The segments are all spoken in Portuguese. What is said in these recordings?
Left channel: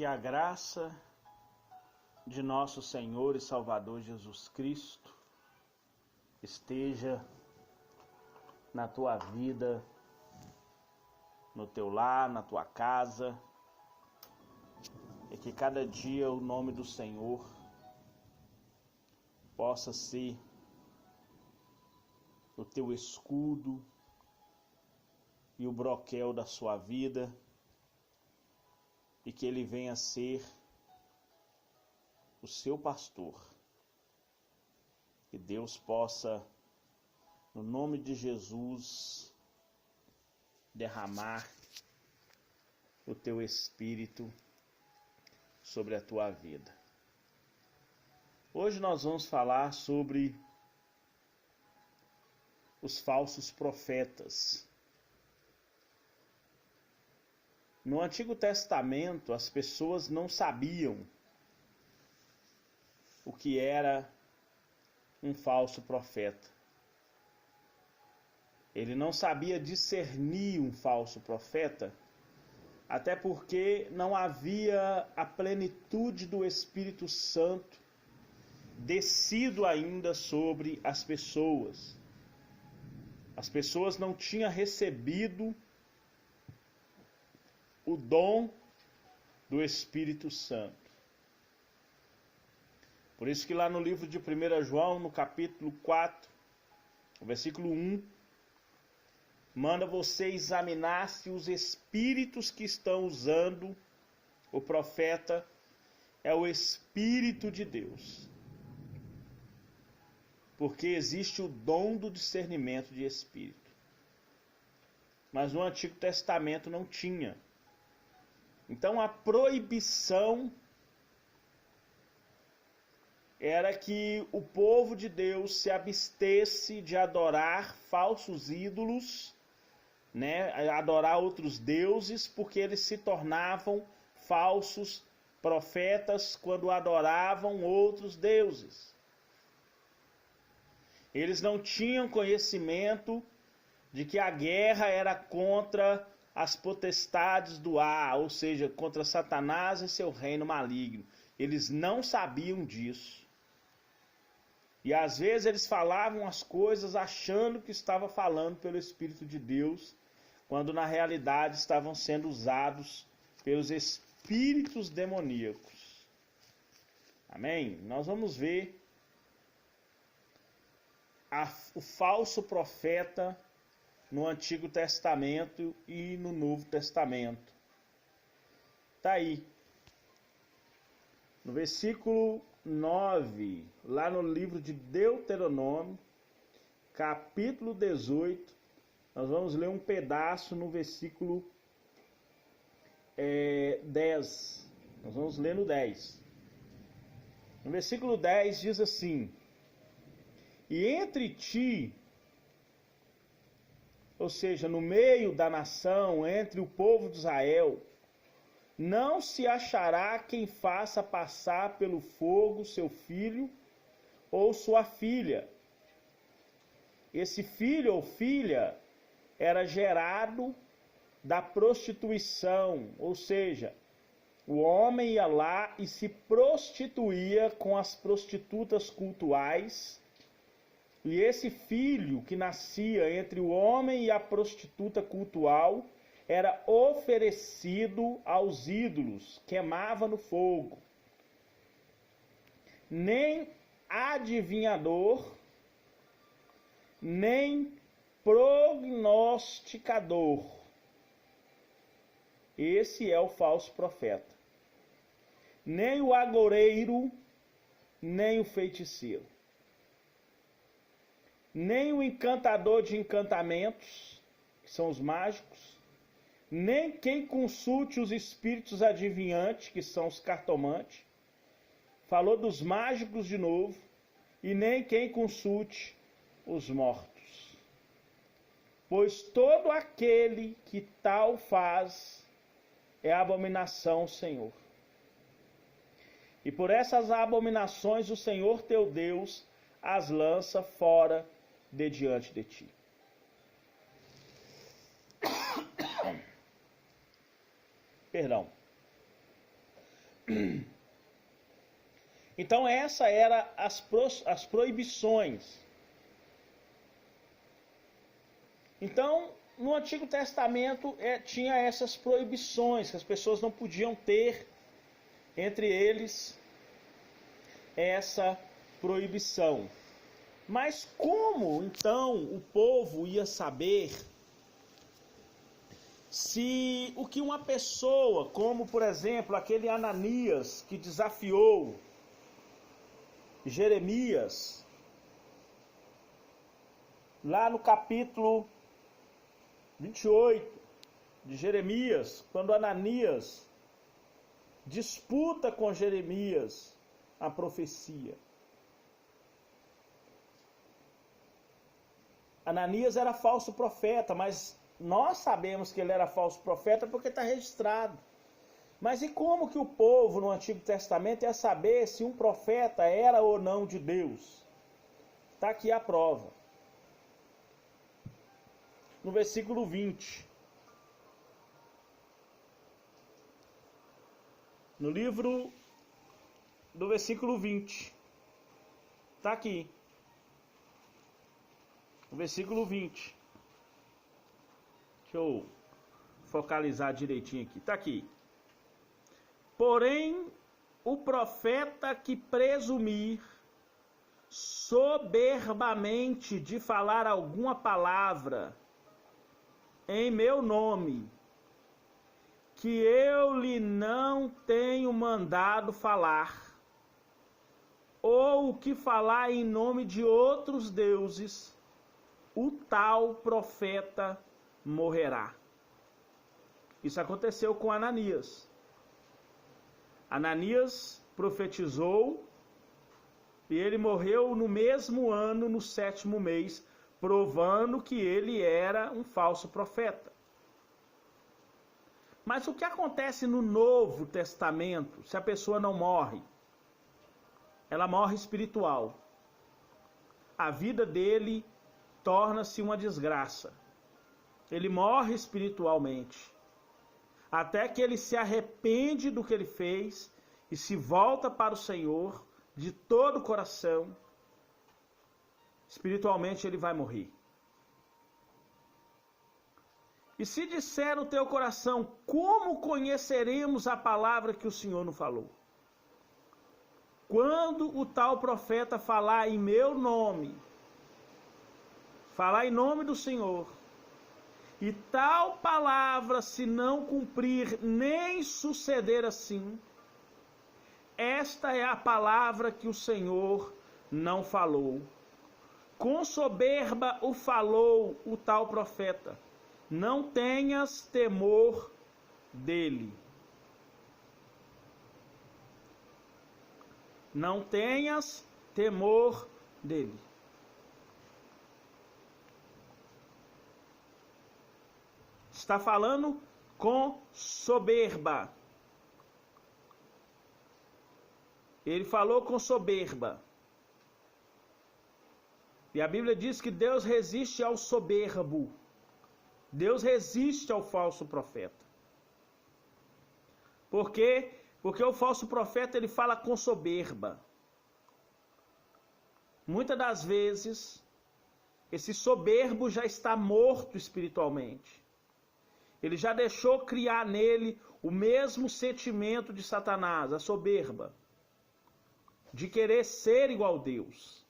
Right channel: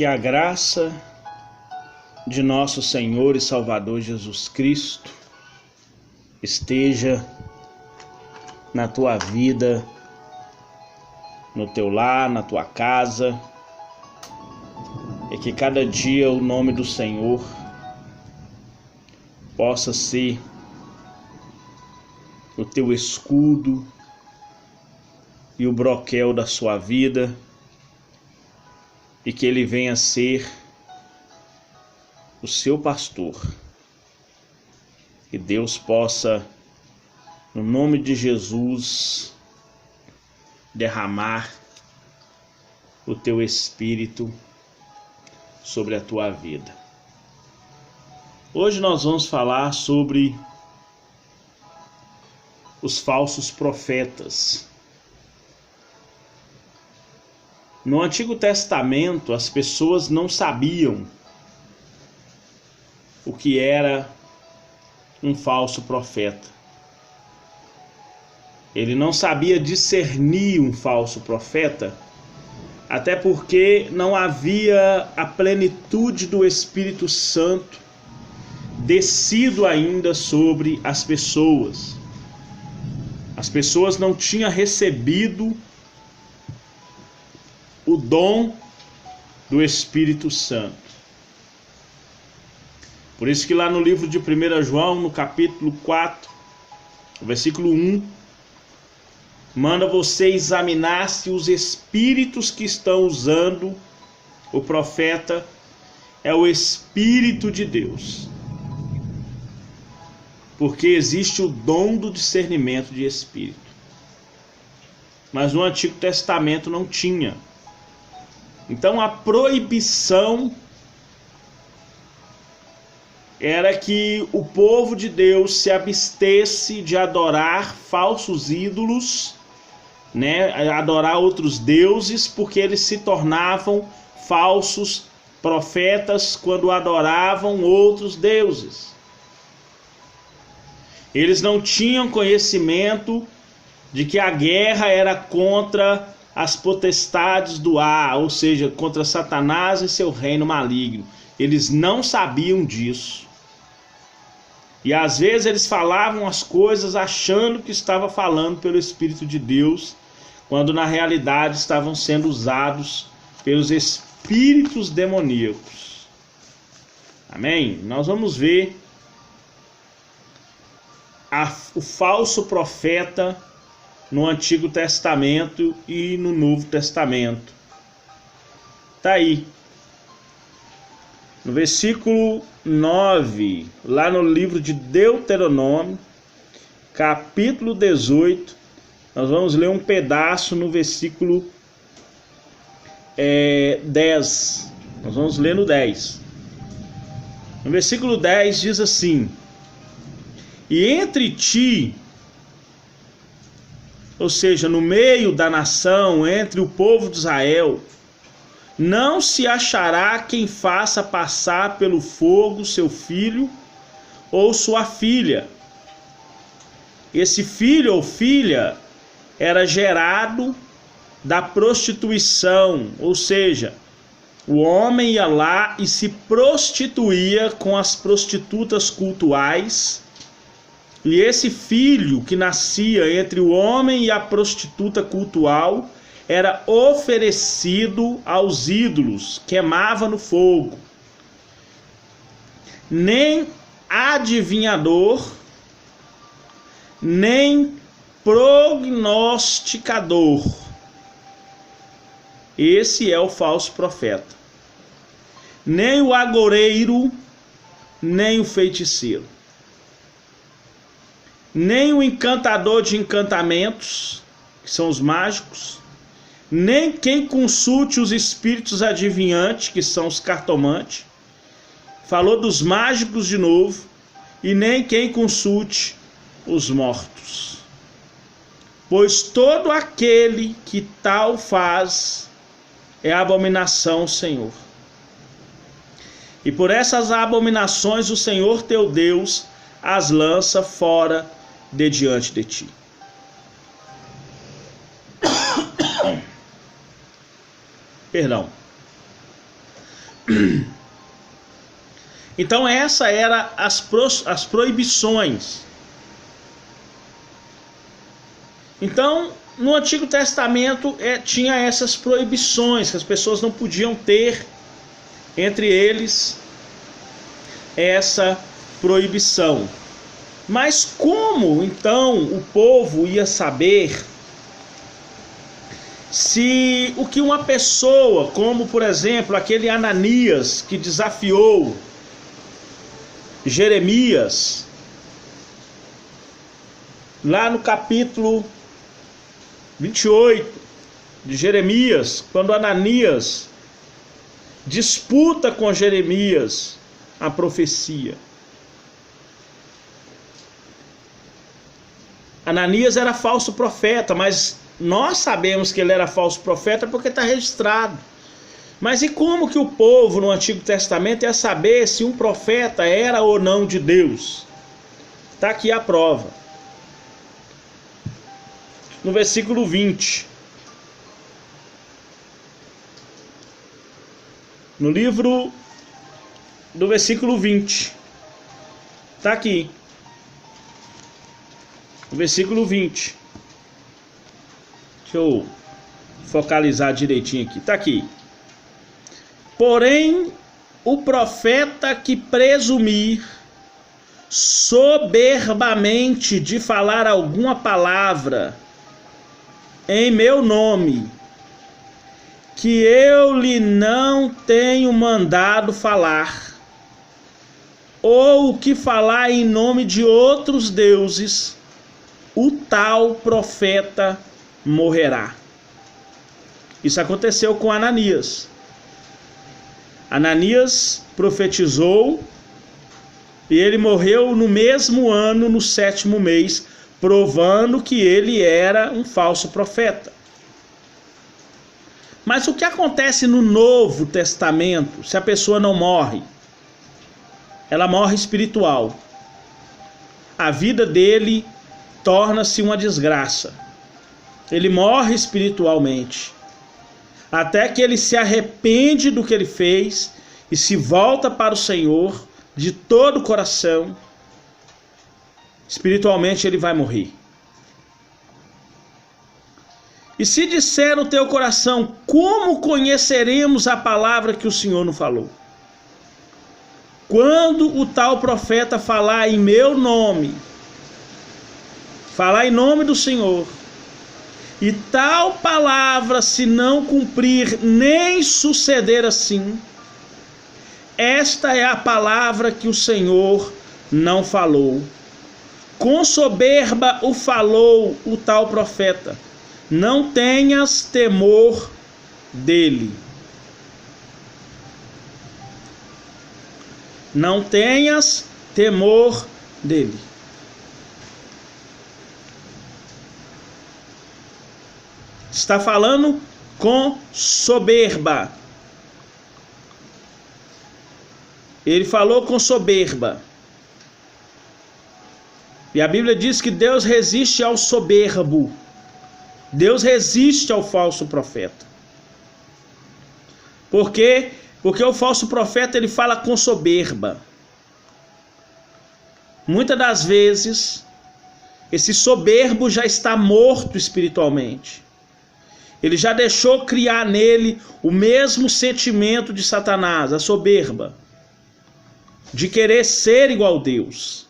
Que a graça de nosso Senhor e Salvador Jesus Cristo esteja na tua vida, no teu lar, na tua casa, e que cada dia o nome do Senhor possa ser o teu escudo e o broquel da sua vida, e que ele venha ser o seu pastor. Que Deus possa, no nome de Jesus, derramar o teu espírito sobre a tua vida. Hoje nós vamos falar sobre os falsos profetas. No Antigo Testamento, as pessoas não sabiam o que era um falso profeta. Ele não sabia discernir um falso profeta, até porque não havia a plenitude do Espírito Santo descido ainda sobre as pessoas. As pessoas não tinham recebido o dom do Espírito Santo. Por isso que lá no livro de 1 João, no capítulo 4, versículo 1, manda você examinar se os espíritos que estão usando o profeta é o Espírito de Deus. Porque existe o dom do discernimento de espírito. Mas no Antigo Testamento não tinha. Então a proibição era que o povo de Deus se abstesse de adorar falsos ídolos, adorar outros deuses, porque eles se tornavam falsos profetas quando adoravam outros deuses. Eles não tinham conhecimento de que a guerra era contra as potestades do ar, ou seja, contra Satanás e seu reino maligno. Eles não sabiam disso. E às vezes eles falavam as coisas achando que estava falando pelo Espírito de Deus, quando na realidade estavam sendo usados pelos espíritos demoníacos. Amém? Nós vamos ver o falso profeta no Antigo Testamento e no Novo Testamento. Tá aí. No versículo 9, lá no livro de Deuteronômio, capítulo 18, nós vamos ler um pedaço no versículo 10. Nós vamos ler no 10. No versículo 10 diz assim: e entre ti, ou seja, no meio da nação, entre o povo de Israel, não se achará quem faça passar pelo fogo seu filho ou sua filha. Esse filho ou filha era gerado da prostituição, ou seja, o homem ia lá e se prostituía com as prostitutas cultuais. E esse filho que nascia entre o homem e a prostituta cultual era oferecido aos ídolos, queimava no fogo. Nem adivinhador, nem prognosticador. Esse é o falso profeta. Nem o agoureiro, nem o feiticeiro. Nem o encantador de encantamentos, que são os mágicos, nem quem consulte os espíritos adivinhantes, que são os cartomantes, falou dos mágicos de novo, e nem quem consulte os mortos. Pois todo aquele que tal faz é abominação ao Senhor. E por essas abominações o Senhor teu Deus as lança fora de diante de ti. Perdão. Então essa era as proibições. Então no Antigo Testamento tinha essas proibições que as pessoas não podiam ter, entre eles essa proibição. Mas como então o povo ia saber se o que uma pessoa, como por exemplo aquele Ananias que desafiou Jeremias, lá no capítulo 28 de Jeremias, quando Ananias disputa com Jeremias a profecia. Ananias era falso profeta, mas nós sabemos que ele era falso profeta porque está registrado. Mas e como que o povo no Antigo Testamento ia saber se um profeta era ou não de Deus? Está aqui a prova. No versículo 20. No livro do versículo 20. Está aqui. No versículo 20. Deixa eu focalizar direitinho aqui. Está aqui. Porém, o profeta que presumir soberbamente de falar alguma palavra em meu nome, que eu lhe não tenho mandado falar, ou que falar em nome de outros deuses, o tal profeta morrerá. Isso aconteceu com Ananias. Ananias profetizou e ele morreu no mesmo ano, no 7º mês, provando que ele era um falso profeta. Mas o que acontece no Novo Testamento se a pessoa não morre? Ela morre espiritual. A vida dele torna-se uma desgraça. Ele morre espiritualmente. Até que ele se arrepende do que ele fez e se volta para o Senhor de todo o coração. Espiritualmente ele vai morrer. E se disser no teu coração, como conheceremos a palavra que o Senhor nos falou? Quando o tal profeta falar em meu nome, falar em nome do Senhor, e tal palavra se não cumprir nem suceder assim, esta é a palavra que o Senhor não falou. Com soberba o falou o tal profeta. Não tenhas temor dele. Não tenhas temor dele. Está falando com soberba. Ele falou com soberba. E a Bíblia diz que Deus resiste ao soberbo. Deus resiste ao falso profeta. Por quê? Porque o falso profeta ele fala com soberba. Muitas das vezes, esse soberbo já está morto espiritualmente. Ele já deixou criar nele o mesmo sentimento de Satanás, a soberba, de querer ser igual a Deus.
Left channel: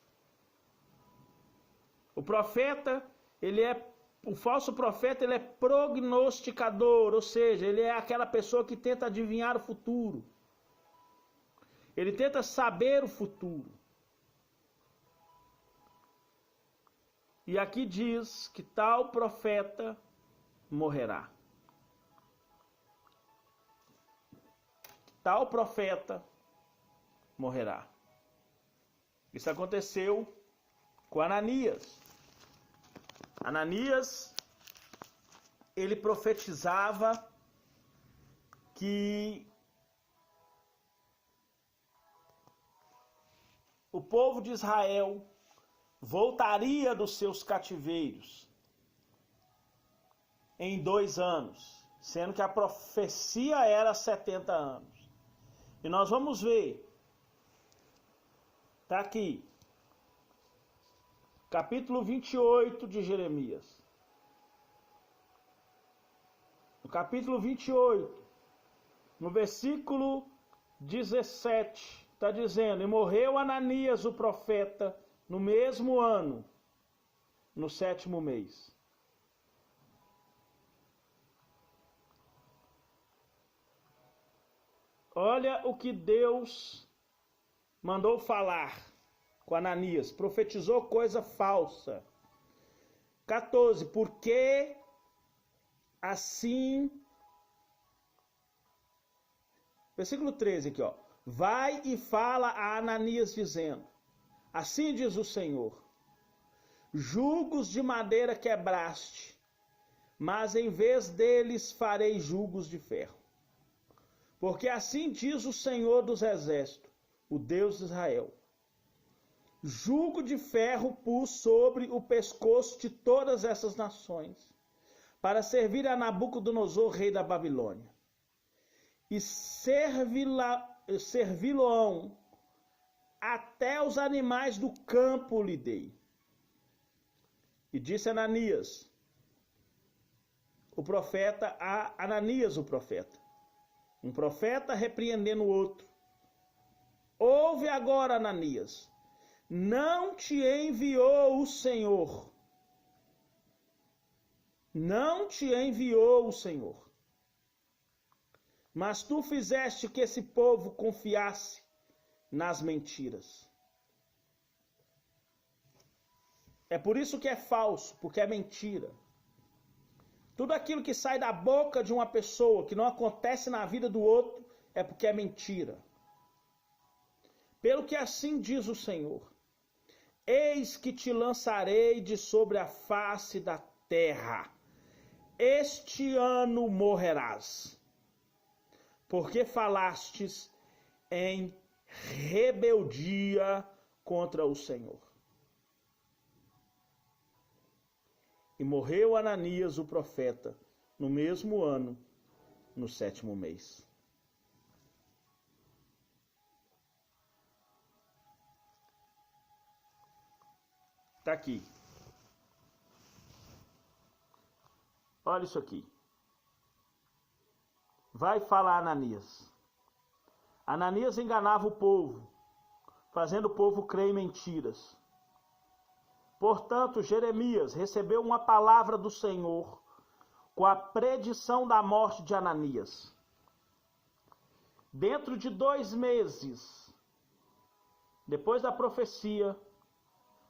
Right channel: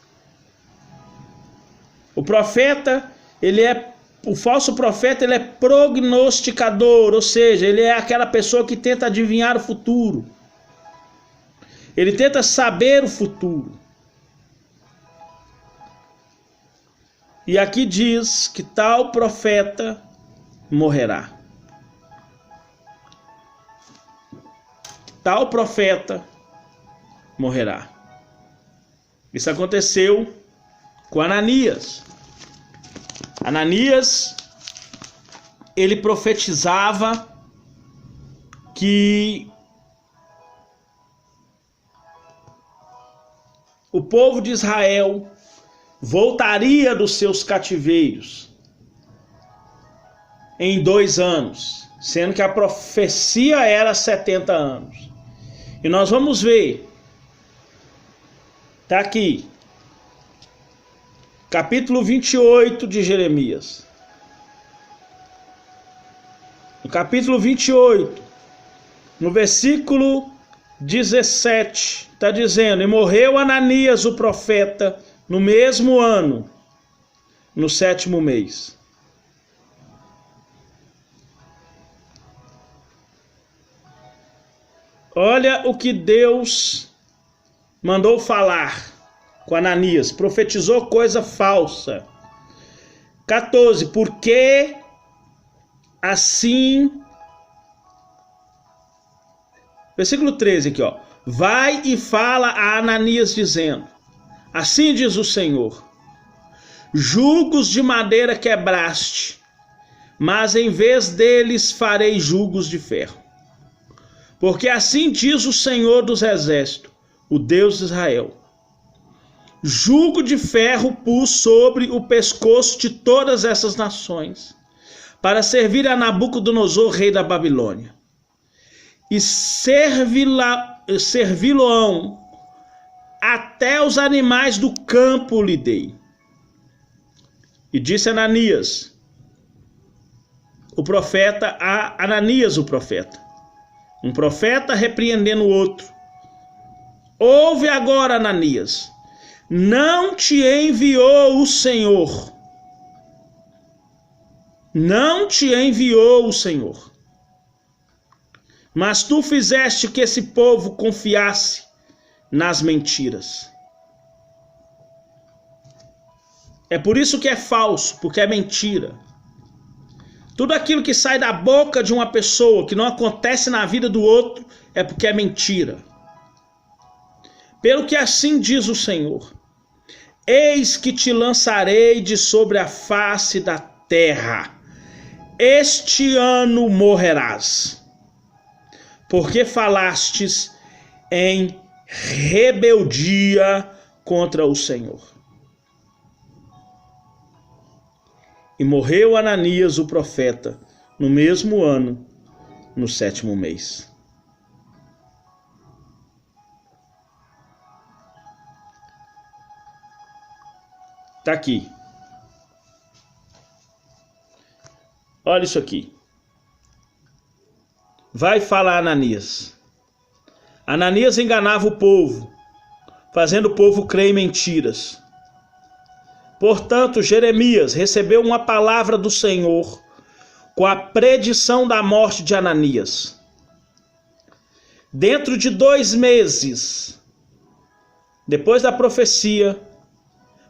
O falso profeta, ele é prognosticador, ou seja, ele é aquela pessoa que tenta adivinhar o futuro. Ele tenta saber o futuro. E aqui diz que tal profeta morrerá. Tal profeta morrerá. Isso aconteceu com Ananias. Ananias, ele profetizava que o povo de Israel voltaria dos seus cativeiros em 2 anos, sendo que a profecia era 70 anos. E nós vamos ver, está aqui, capítulo 28 de Jeremias. No capítulo 28, no versículo 17, está dizendo: e morreu Ananias o profeta no mesmo ano, no 7º mês. Olha o que Deus mandou falar com Ananias. Profetizou coisa falsa. 14. Porque assim... Versículo 13 aqui, ó. Vai e fala a Ananias dizendo: assim diz o Senhor, jugos de madeira quebraste, mas em vez deles farei jugos de ferro. Porque assim diz o Senhor dos Exércitos, o Deus de Israel: jugo de ferro pus sobre o pescoço de todas essas nações, para servir a Nabucodonosor, rei da Babilônia. E servi-lo-ão até os animais do campo lhe dei. E disse Ananias, o profeta, a Ananias o profeta, um profeta repreendendo o outro: ouve agora, Ananias, não te enviou o Senhor. Não te enviou o Senhor. Mas tu fizeste que esse povo confiasse nas mentiras. É por isso que é falso, porque é mentira. Tudo aquilo que sai da boca de uma pessoa, que não acontece na vida do outro, é porque é mentira. Pelo que assim diz o Senhor: eis que te lançarei de sobre a face da terra. Este ano morrerás, porque falastes em rebeldia contra o Senhor. E morreu Ananias o profeta no mesmo ano, no 7º mês. Está aqui. Olha isso aqui. Vai falar Ananias. Ananias enganava o povo, fazendo o povo crer em mentiras. Portanto, Jeremias recebeu uma palavra do Senhor com a predição da morte de Ananias. Dentro de 2 meses, depois da profecia,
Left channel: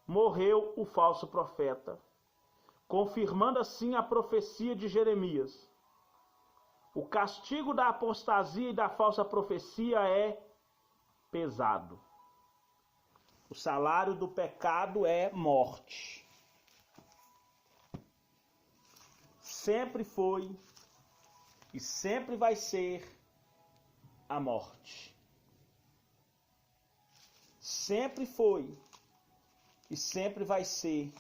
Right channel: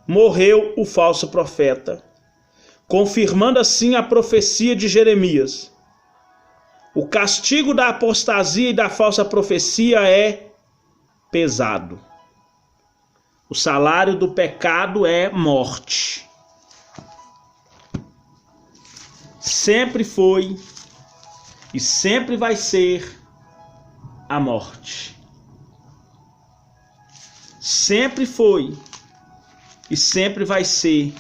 morreu o falso profeta, confirmando assim a profecia de Jeremias. O castigo da apostasia e da falsa profecia é pesado. O salário do pecado é morte. Sempre foi e sempre vai ser a morte. Sempre foi e sempre vai ser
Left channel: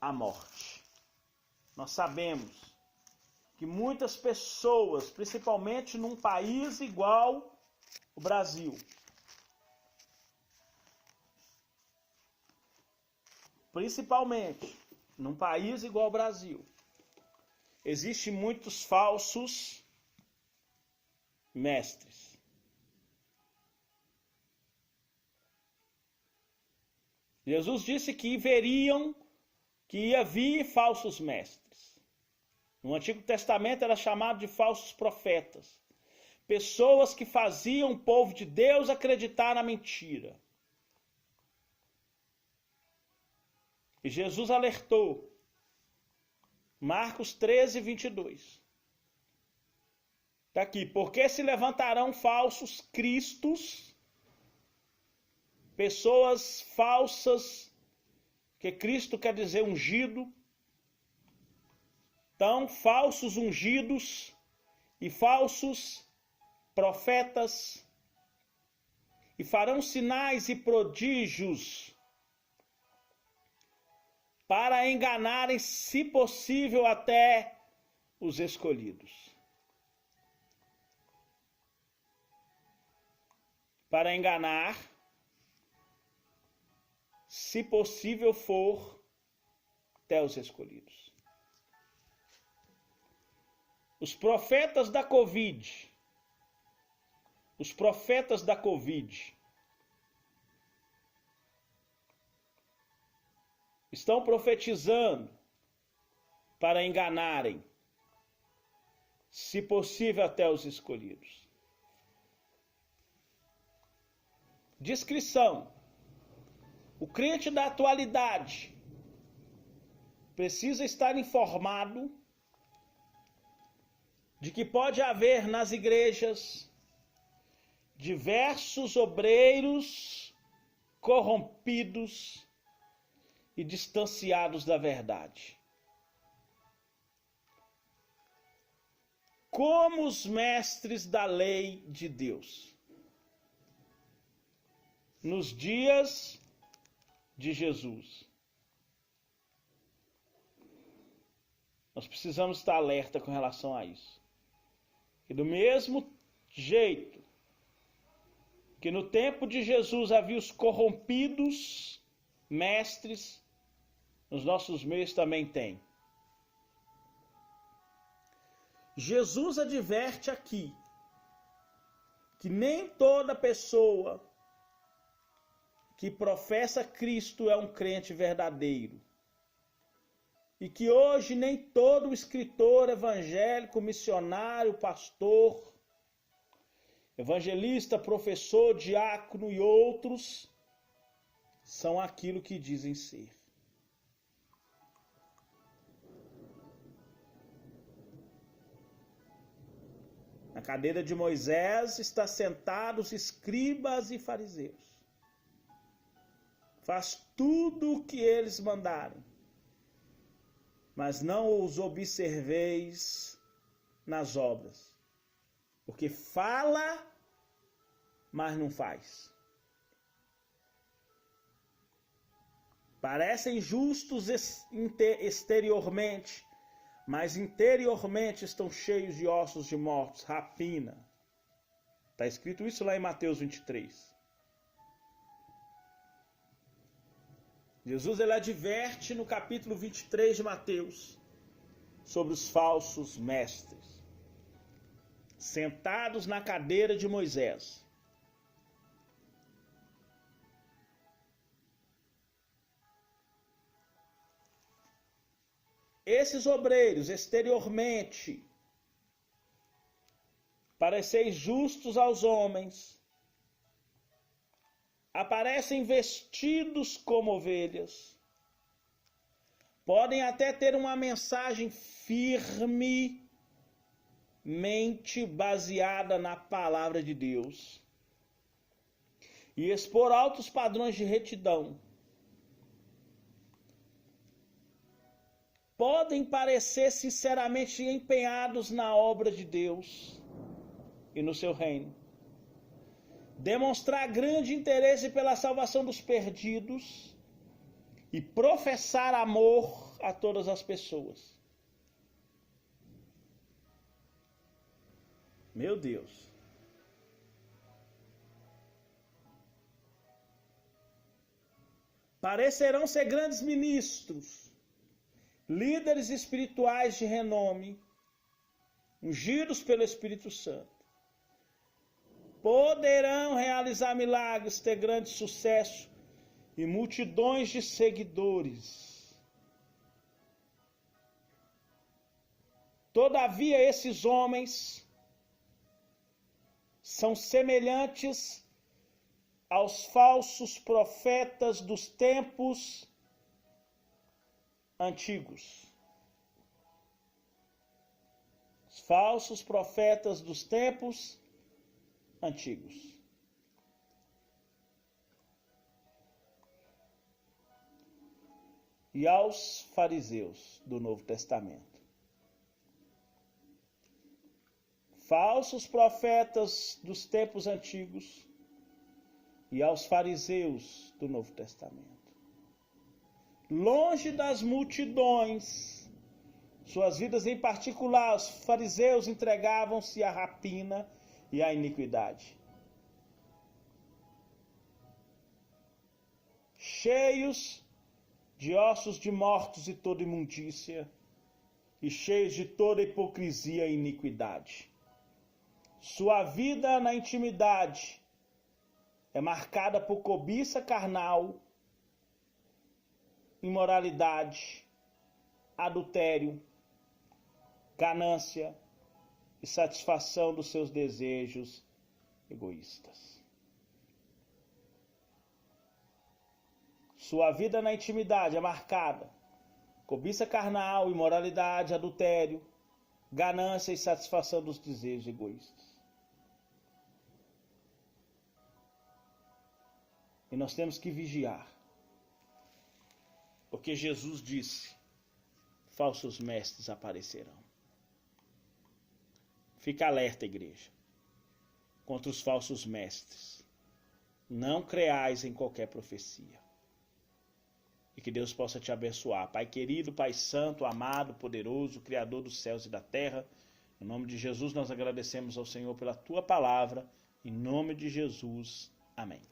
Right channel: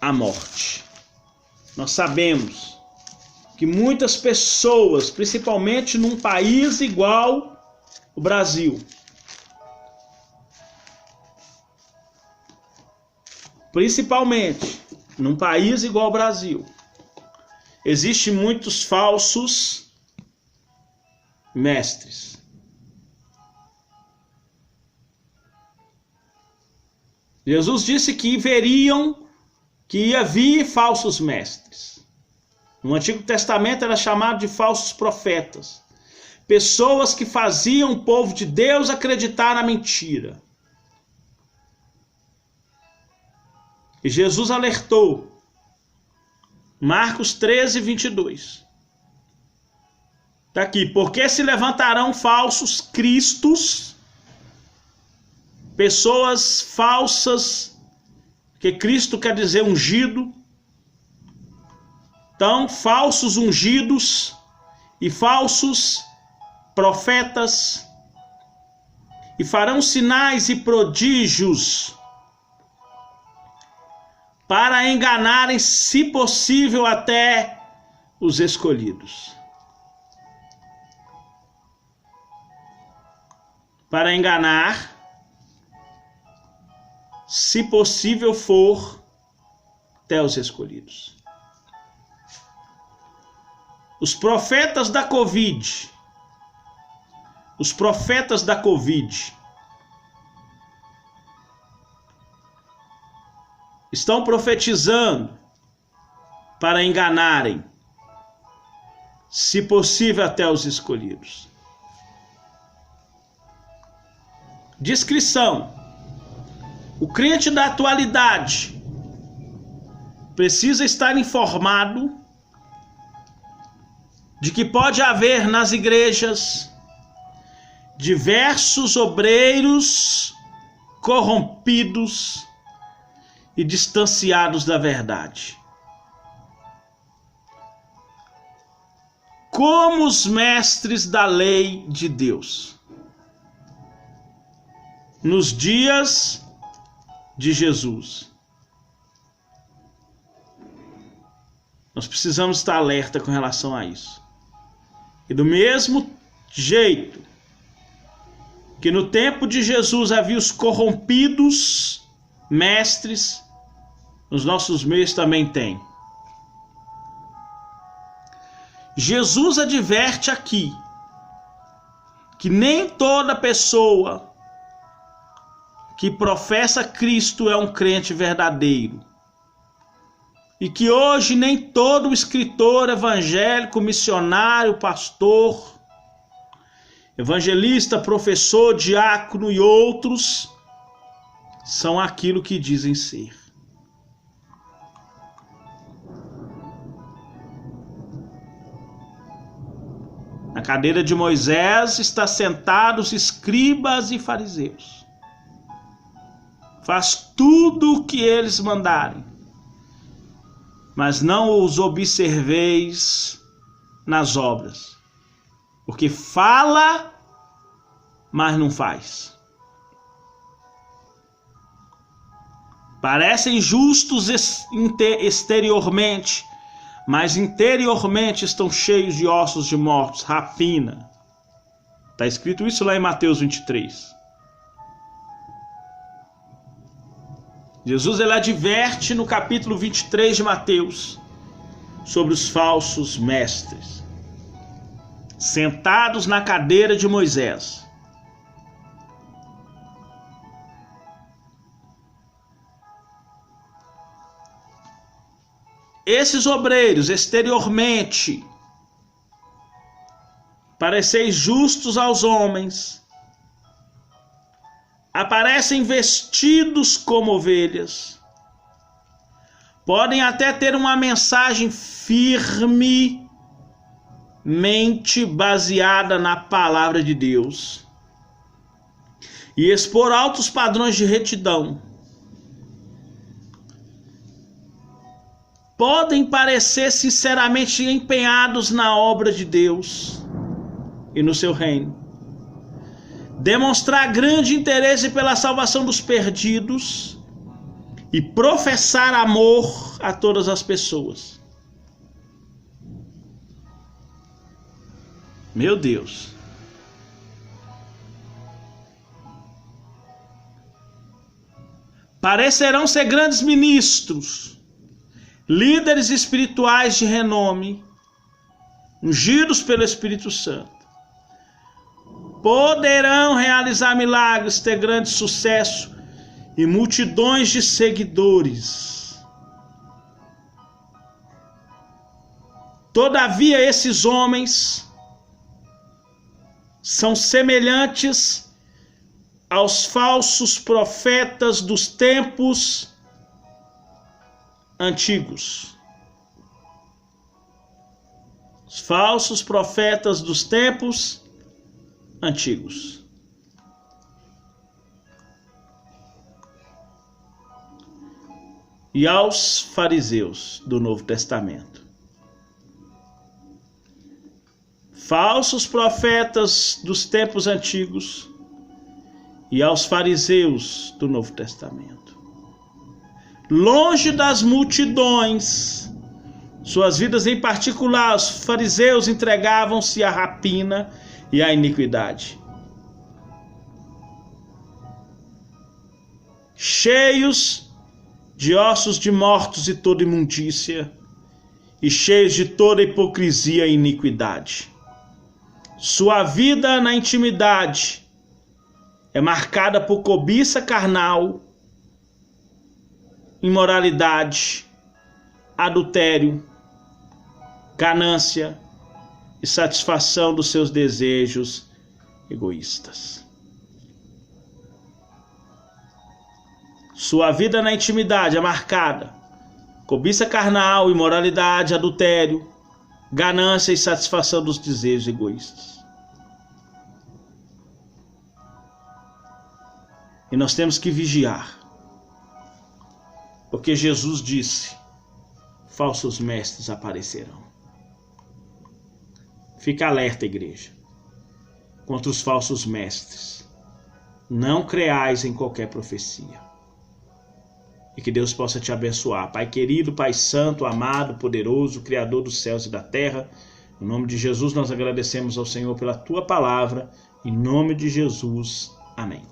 a morte. Nós sabemos que muitas pessoas, principalmente num país igual o Brasil, principalmente num país igual ao Brasil, existem muitos falsos mestres. Jesus disse que ia vir falsos mestres. No Antigo Testamento era chamado de falsos profetas. Pessoas que faziam o povo de Deus acreditar na mentira. E Jesus alertou. Marcos 13, 22. Está aqui. Porque se levantarão falsos cristos, pessoas falsas, que Cristo quer dizer ungido. Então, falsos ungidos e falsos profetas, e farão sinais e prodígios para enganarem, se possível, até os escolhidos. para enganar, se possível for, até os escolhidos. Os profetas da Covid, estão profetizando para enganarem, se possível até os escolhidos. Descrição: o crente da atualidade precisa estar informado de que pode haver nas igrejas diversos obreiros corrompidos e distanciados da verdade, como os mestres da lei de Deus, nos dias de Jesus. Nós precisamos estar alerta com relação a isso. E do mesmo jeito que no tempo de Jesus havia os corrompidos mestres, nos nossos meios também tem. Jesus adverte aqui que nem toda pessoa que professa Cristo é um crente verdadeiro. E que hoje nem todo escritor evangélico, missionário, pastor, evangelista, professor, diácono e outros são aquilo que dizem ser. Na cadeira de Moisés está sentados escribas e fariseus. Faz tudo o que eles mandarem, mas não os observeis nas obras, porque fala, mas não faz. Parecem justos exteriormente, mas interiormente estão cheios de ossos de mortos, rapina. Está escrito isso lá em Mateus 23. Jesus ele adverte no capítulo 23 de Mateus sobre os falsos mestres, sentados na cadeira de Moisés. Esses obreiros, exteriormente, pareceis justos aos homens, aparecem vestidos como ovelhas, podem até ter uma mensagem firmemente baseada na palavra de Deus e expor altos padrões de retidão. Podem parecer sinceramente empenhados na obra de Deus e no seu reino, demonstrar grande interesse pela salvação dos perdidos e professar amor a todas as pessoas. Meu Deus. Parecerão ser grandes ministros, líderes espirituais de renome, ungidos pelo Espírito Santo. Poderão realizar milagres, ter grande sucesso e multidões de seguidores. Todavia, esses homens são semelhantes aos falsos profetas dos tempos antigos. Os falsos profetas dos tempos antigos. E aos fariseus do Novo Testamento. Falsos profetas dos tempos antigos e aos fariseus do Novo Testamento. Longe das multidões, suas vidas em particular, os fariseus entregavam-se à rapina e à iniquidade. cheios de ossos de mortos e toda imundícia, e cheios de toda hipocrisia e iniquidade. Sua vida na intimidade é marcada por cobiça carnal, imoralidade, adultério, ganância e satisfação dos seus desejos egoístas. Sua vida na intimidade é marcada cobiça carnal, imoralidade, adultério, ganância e satisfação dos desejos egoístas. E nós temos que vigiar, porque Jesus disse: falsos mestres aparecerão. Fica alerta, igreja, contra os falsos mestres. Não creais em qualquer profecia. E que Deus possa te abençoar. Pai querido, Pai santo, amado, poderoso, Criador dos céus e da terra, em nome de Jesus nós agradecemos ao Senhor pela Tua palavra. Em nome de Jesus, amém.